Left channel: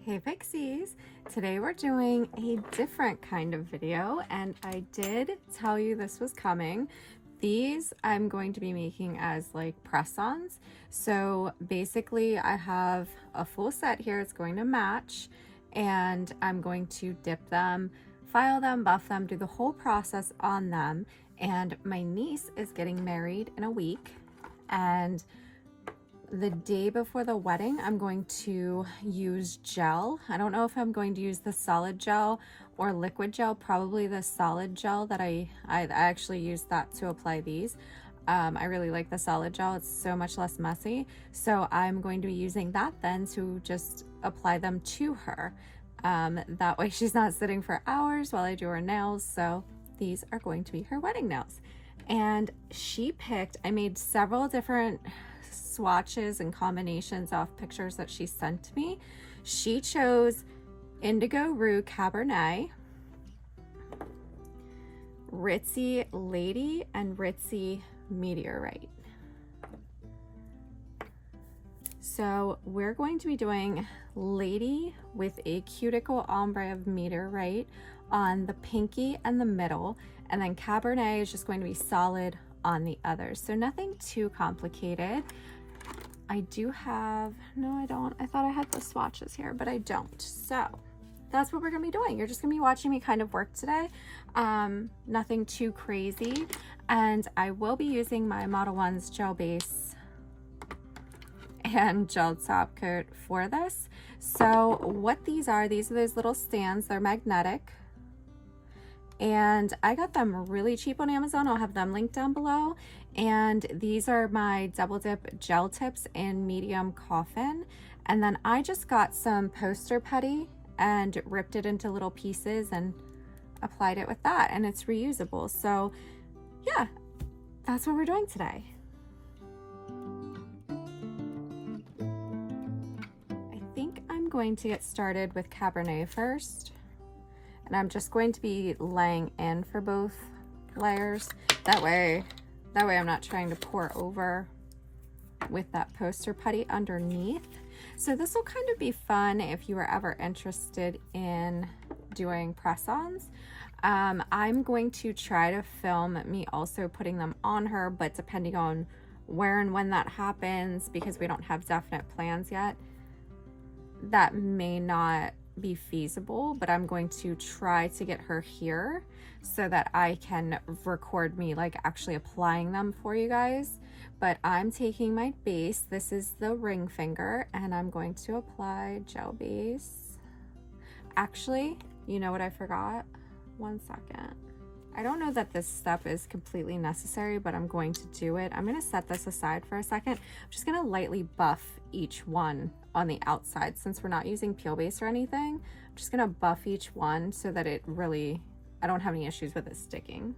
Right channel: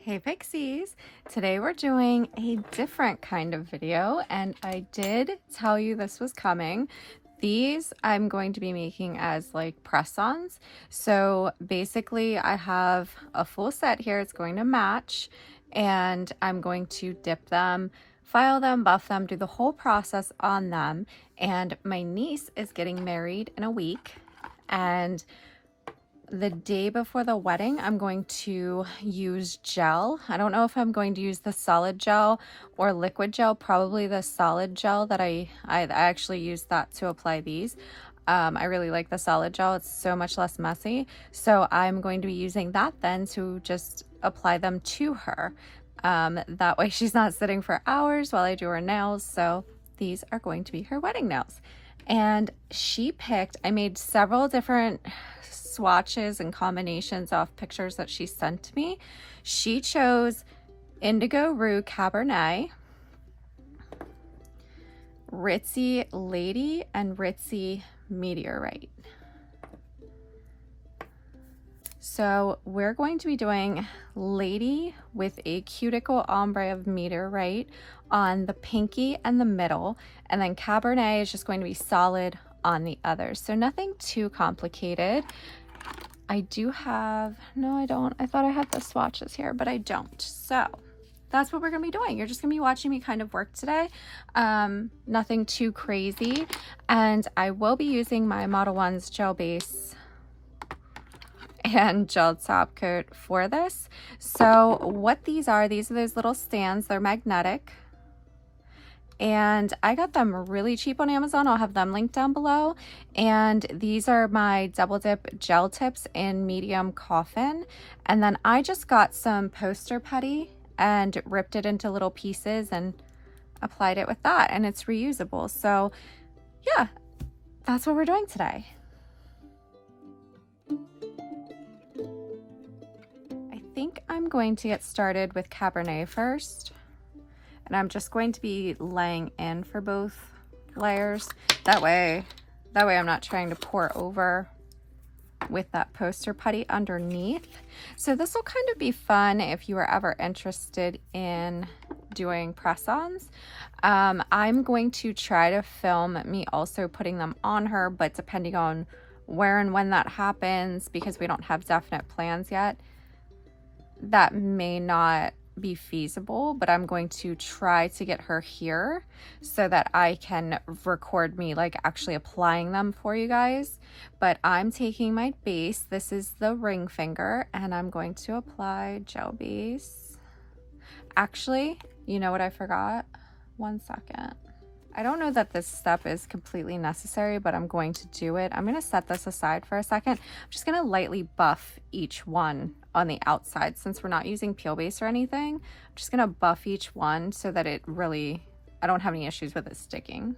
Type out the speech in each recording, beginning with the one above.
Hey Pixies! Today we're doing a different kind of video, and I did tell you this was coming. These I'm going to be making as like press-ons. So basically I have a full set here. It's going to match, and I'm going to dip them, file them, buff them, do the whole process on them. And my niece is getting married in a week, and the day before the wedding, I'm going to use gel. I don't know if I'm going to use the solid gel or liquid gel, probably the solid gel that I actually use that to apply these. I really like the solid gel. It's so much less messy. So I'm going to be using that then to just apply them to her. That way she's not sitting for hours while I do her nails. So these are going to be her wedding nails. And she picked, I made several different swatches and combinations off pictures that she sent to me. She chose Indigo Rue Cabernet, Ritzy Lady, and Ritzy Meteorite. So we're going to be doing Lady with a Cuticle Ombre of Meteorite on the pinky and the middle, and then Cabernet is just going to be solid on the others. So nothing too complicated. I do have, no I don't, I thought I had the swatches here, but I don't. So that's what we're gonna be doing. You're just gonna be watching me kind of work today. Nothing too crazy. And I will be using my Modelones Gel base and gel top coat for this. So what these are those little stands. They're magnetic, and I got them really cheap on Amazon. I'll have them linked down below. And these are my double dip gel tips in medium coffin. And then I just got some poster putty and ripped it into little pieces and applied it with that, and it's reusable. So yeah, that's what we're doing today. I think I'm going to get started with Cabernet first. And I'm just going to be laying in for both layers. That way I'm not trying to pour over with that poster putty underneath. So this will kind of be fun if you are ever interested in doing press-ons. I'm going to try to film me also putting them on her, but depending on where and when that happens, because we don't have definite plans yet, that may not be feasible, but I'm going to try to get her here so that I can record me like actually applying them for you guys. But I'm taking my base, this is the ring finger, and I'm going to apply gel base. Actually, you know what I forgot? One second. I don't know that this step is completely necessary, but I'm going to do it. I'm going to set this aside for a second. I'm just going to lightly buff each one on the outside. Since we're not using peel base or anything, I'm just going to buff each one so that it really, I don't have any issues with it sticking.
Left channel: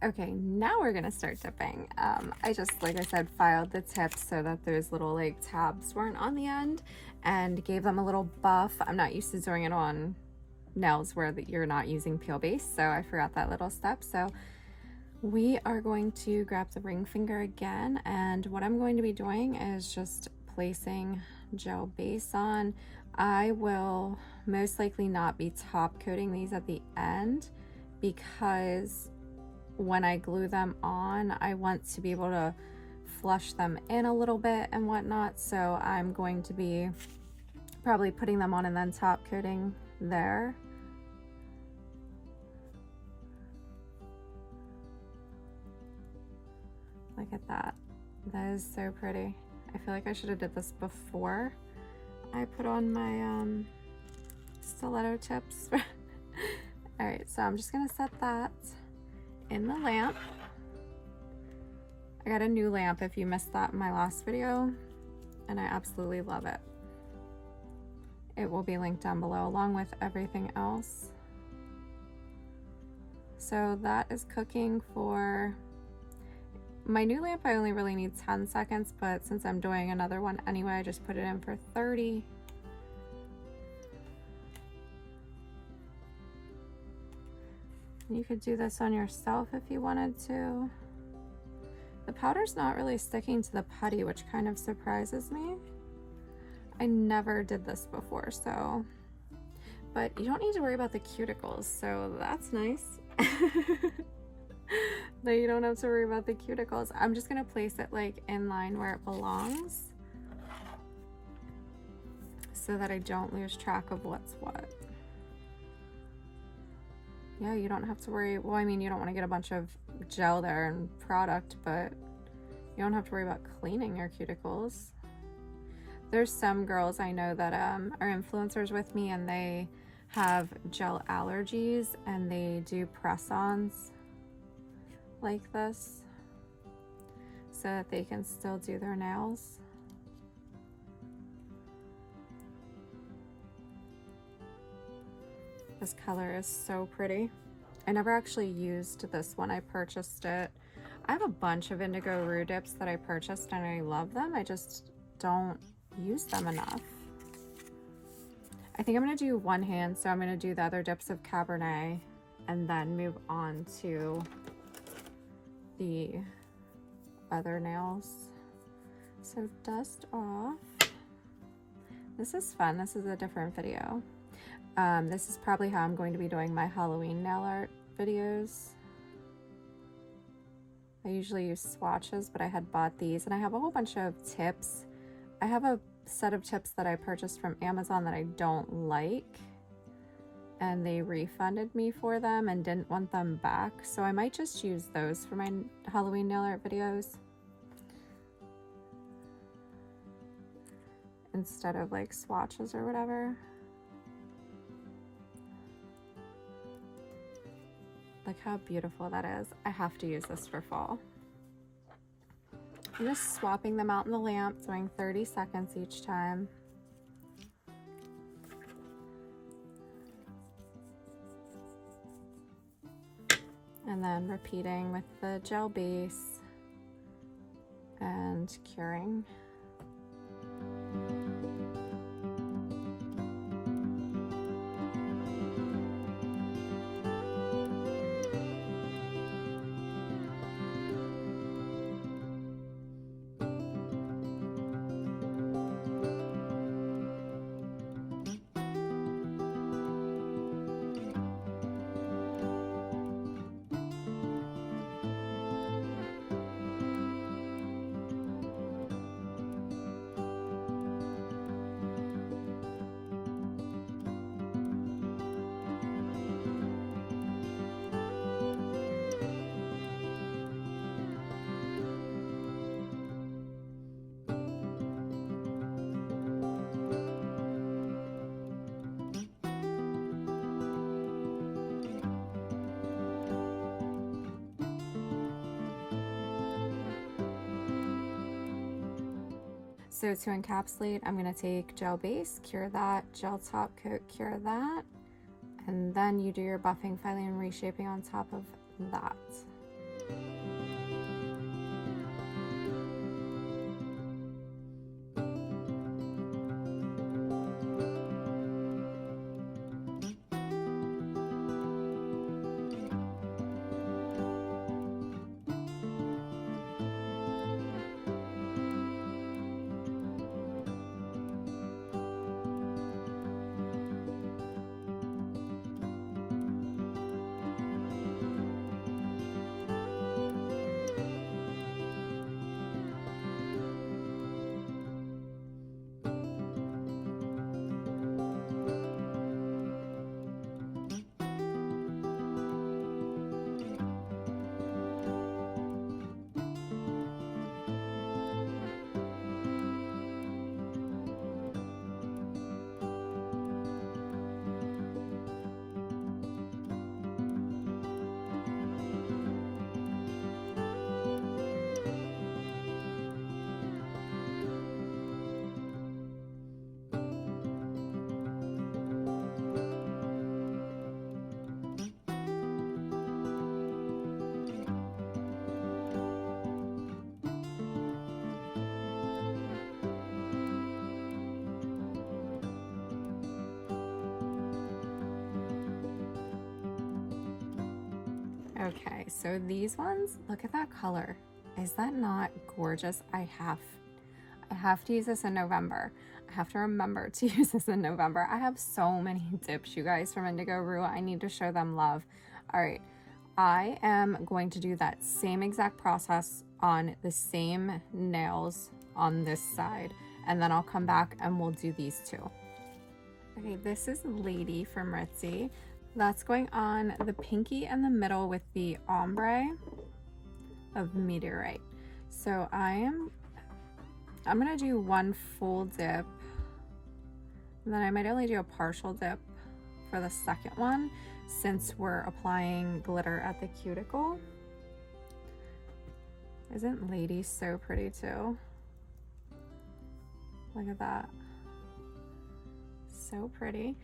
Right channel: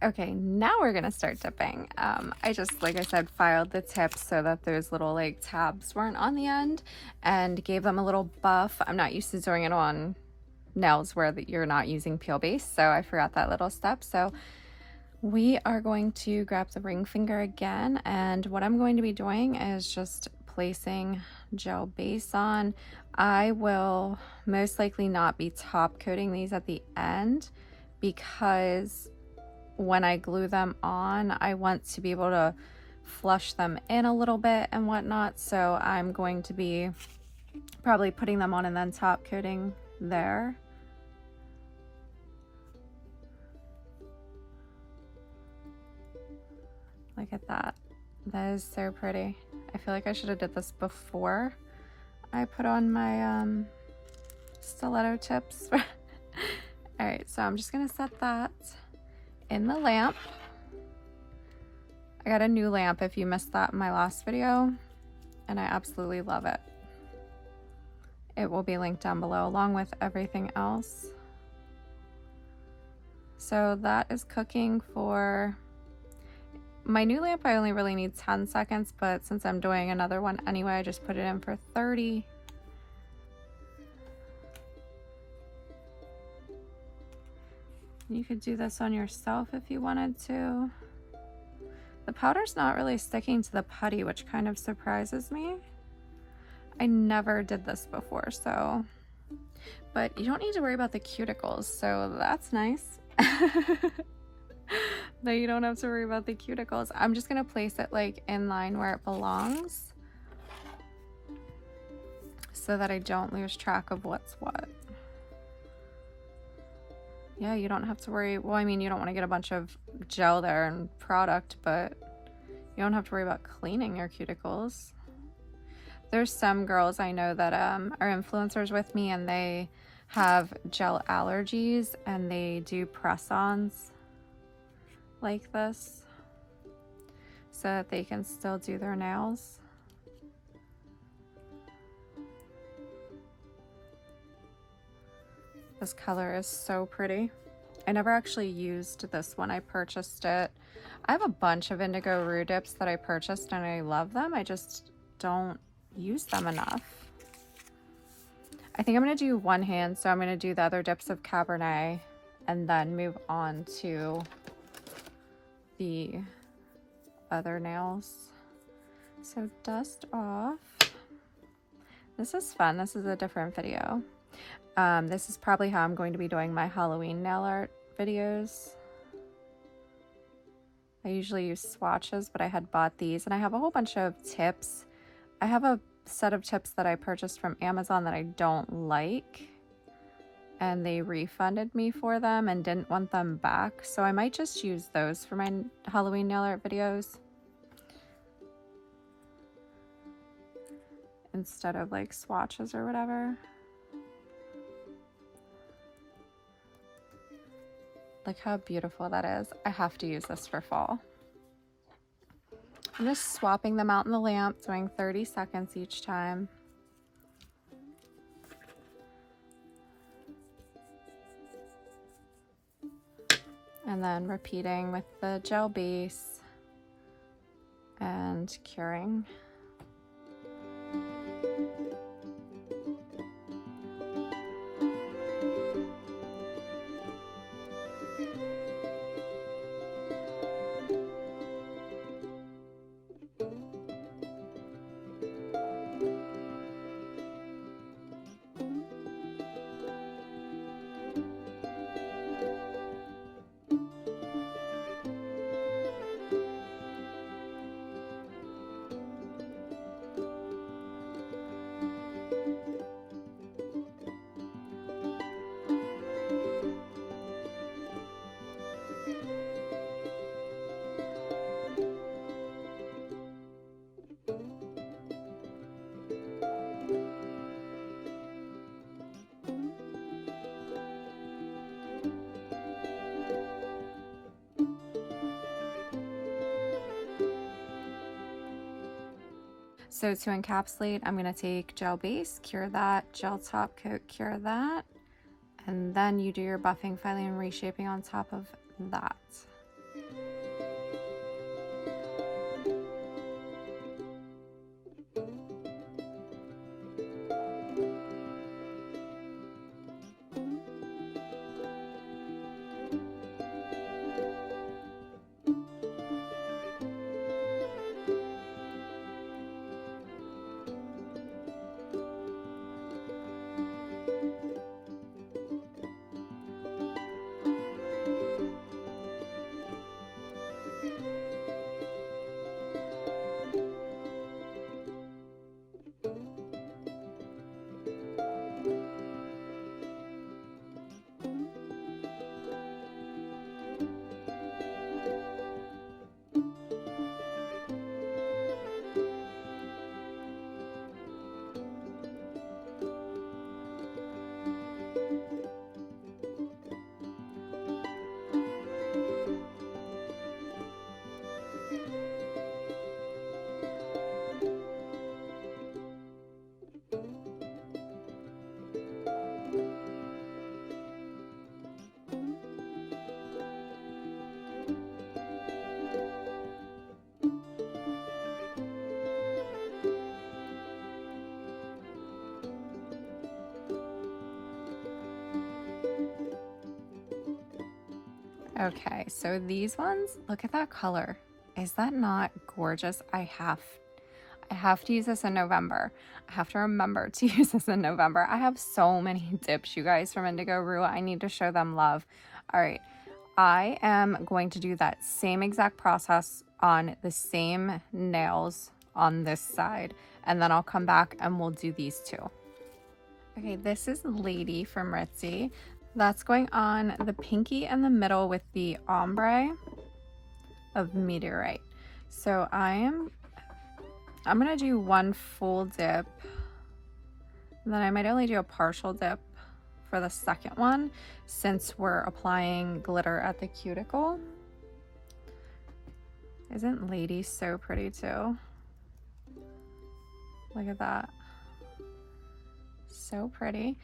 Okay, now we're gonna start dipping. I just, like I said, filed the tips so that those little like tabs weren't on the end, and gave them a little buff. I'm not used to doing it on nails where you're not using peel base, so I forgot that little step. So we are going to grab the ring finger again, and what I'm going to be doing is just placing gel base on. I will most likely not be top coating these at the end, because when I glue them on, I want to be able to flush them in a little bit and whatnot. So I'm going to be probably putting them on and then top coating there. Look at that. That is so pretty. I feel like I should have did this before I put on my stiletto tips. All right, so I'm just gonna set that in the lamp. I got a new lamp if you missed that in my last video, and I absolutely love it. It will be linked down below along with everything else. So that is cooking for my new lamp, I only really need 10 seconds, but since I'm doing another one anyway, I just put it in for 30. You could do this on yourself if you wanted to. The powder's not really sticking to the putty, which kind of surprises me. I never did this before, so. But you don't need to worry about the cuticles, so that's nice. That you don't have to worry about the cuticles. I'm just gonna place it like in line where it belongs so that I don't lose track of what's what. Yeah, you don't have to worry. Well, I mean, you don't want to get a bunch of gel there and product, but you don't have to worry about cleaning your cuticles. There's some girls I know that are influencers with me, and they have gel allergies, and they do press-ons like this so that they can still do their nails. This color is so pretty. I never actually used this one. I purchased it. I have a bunch of Indigo Rue Dips that I purchased and I love them. I just don't use them enough. I think I'm gonna do one hand, so I'm gonna do the other dips of Cabernet and then move on to the other nails. So dust off. This is fun. This is a different video. This is probably how I'm going to be doing my Halloween nail art videos. I usually use swatches, but I had bought these, and I have a whole bunch of tips. I have a set of tips that I purchased from Amazon that I don't like, and they refunded me for them and didn't want them back, so I might just use those for my Halloween nail art videos instead of like swatches or whatever. Look how beautiful that is. I have to use this for fall. I'm just swapping them out in the lamp, doing 30 seconds each time. And then repeating with the gel base and curing. So to encapsulate, I'm going to take gel base, cure that, gel top coat, cure that, and then you do your buffing, filing, and reshaping on top of that. Okay, so these ones, look at that color. Is that not gorgeous? I have to use this in November. I have to remember to use this in November. I have so many dips, you guys, from Indigo Rue. I need to show them love. All right, I am going to do that same exact process on the same nails on this side, and then I'll come back and we'll do these two. Okay, this is Lady from Ritzy. That's going on the pinky in the middle with the ombre of Meteorite. So I'm gonna do one full dip, and then I might only do a partial dip for the second one since we're applying glitter at the cuticle. Isn't Lady so pretty too? Look at that. So pretty.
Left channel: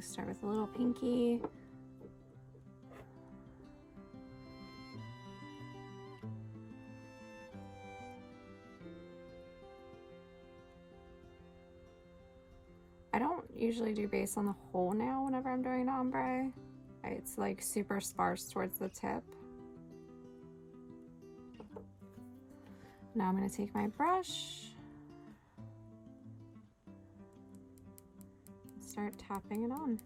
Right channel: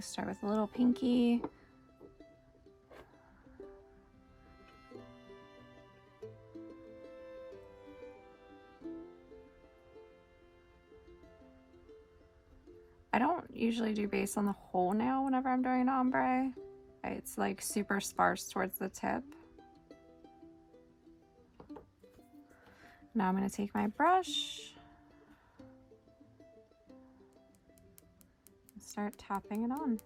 Start with a little pinky. I don't usually do base on the whole nail whenever I'm doing an ombre. It's like super sparse towards the tip. Now I'm going to take my brush, start tapping it on.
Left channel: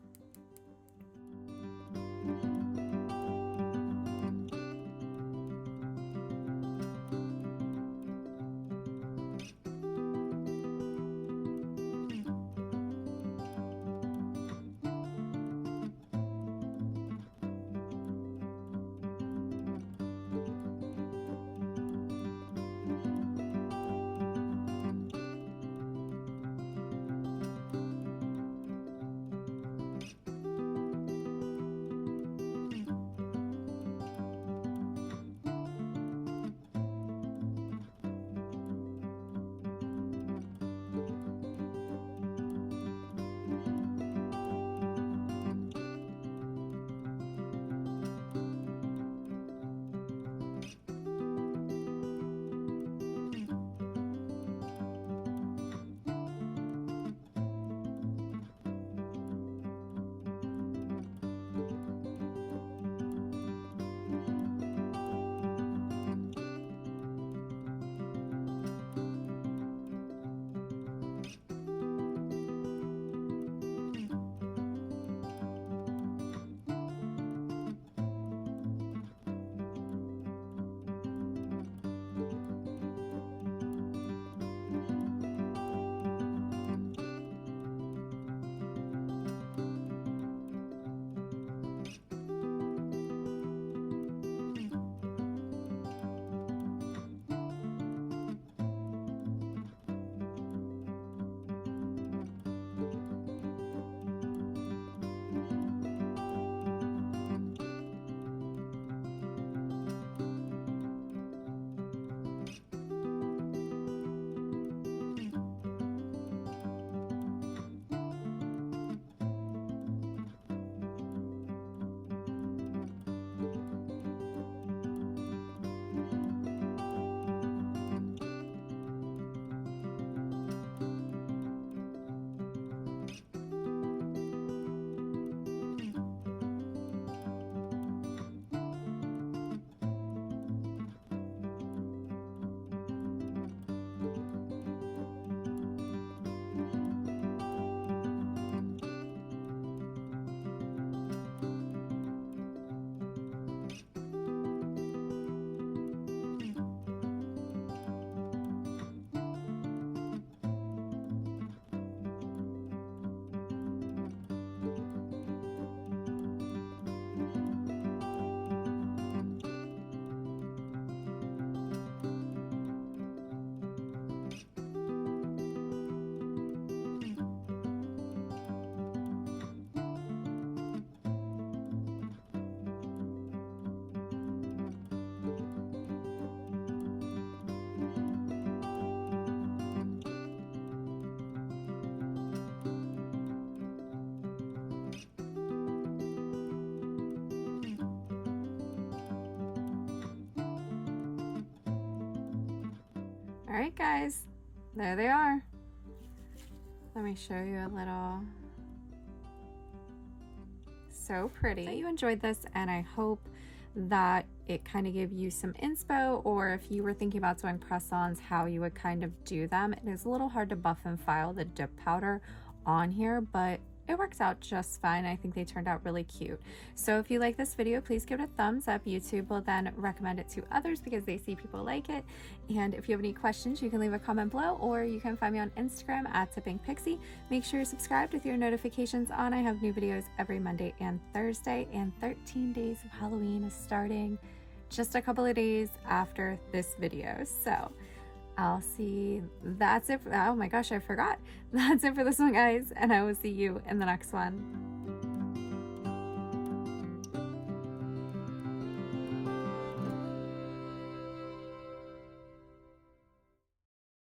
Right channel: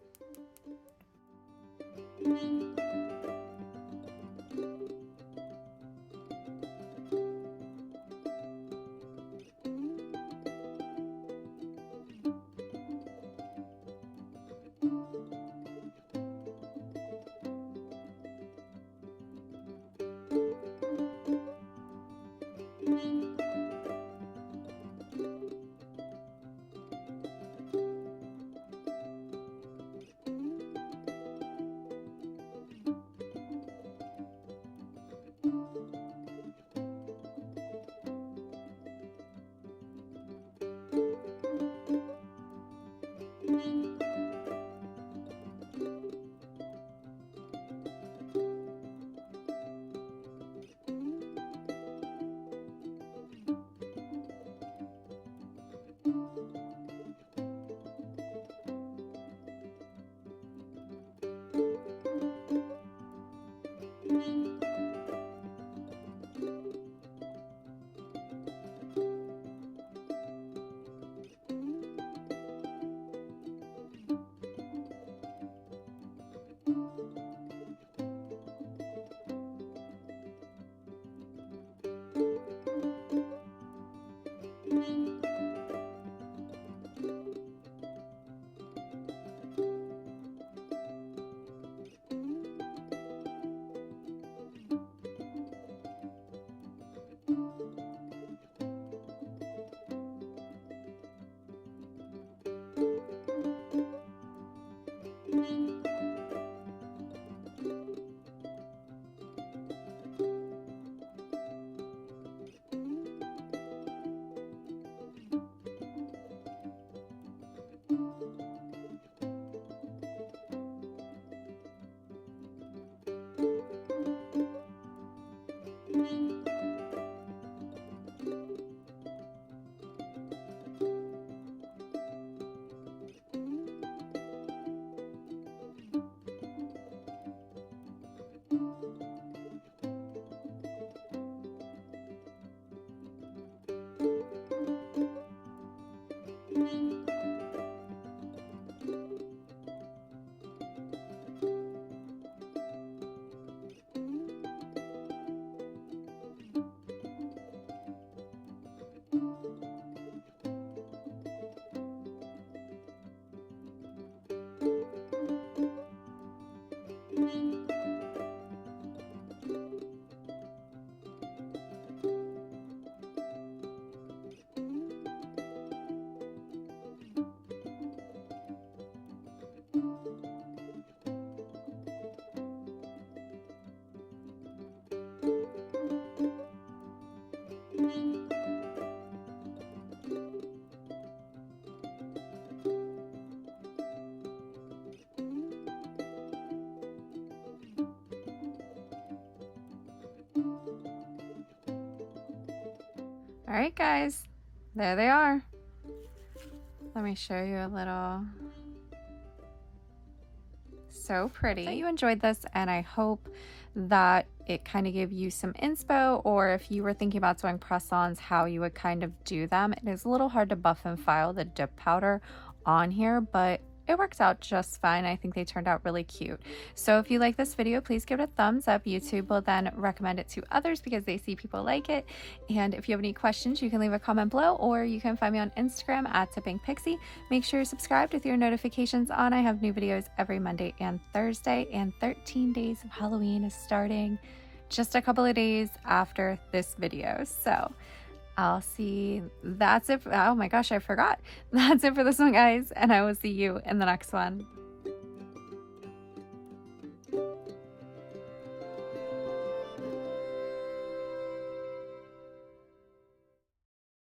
All right, guys, there they are. Let me show you a little. So pretty. So you enjoyed this, and I hope that it kind of gave you some inspo, or if you were thinking about doing press-ons, how you would kind of do them. It is a little hard to buff and file the dip powder on here, but it works out just fine. I think they turned out really cute. So if you like this video, please give it a thumbs up. YouTube will then recommend it to others because they see people like it. And if you have any questions, you can leave a comment below, or you can find me on Instagram at tippingpixie. Make sure you're subscribed with your notifications on. I have new videos every Monday and Thursday, and 13 Days of Halloween is starting just a couple of days after this video. So I'll see. That's it. Oh my gosh, I forgot. That's it for this one, guys, and I will see you in the next one.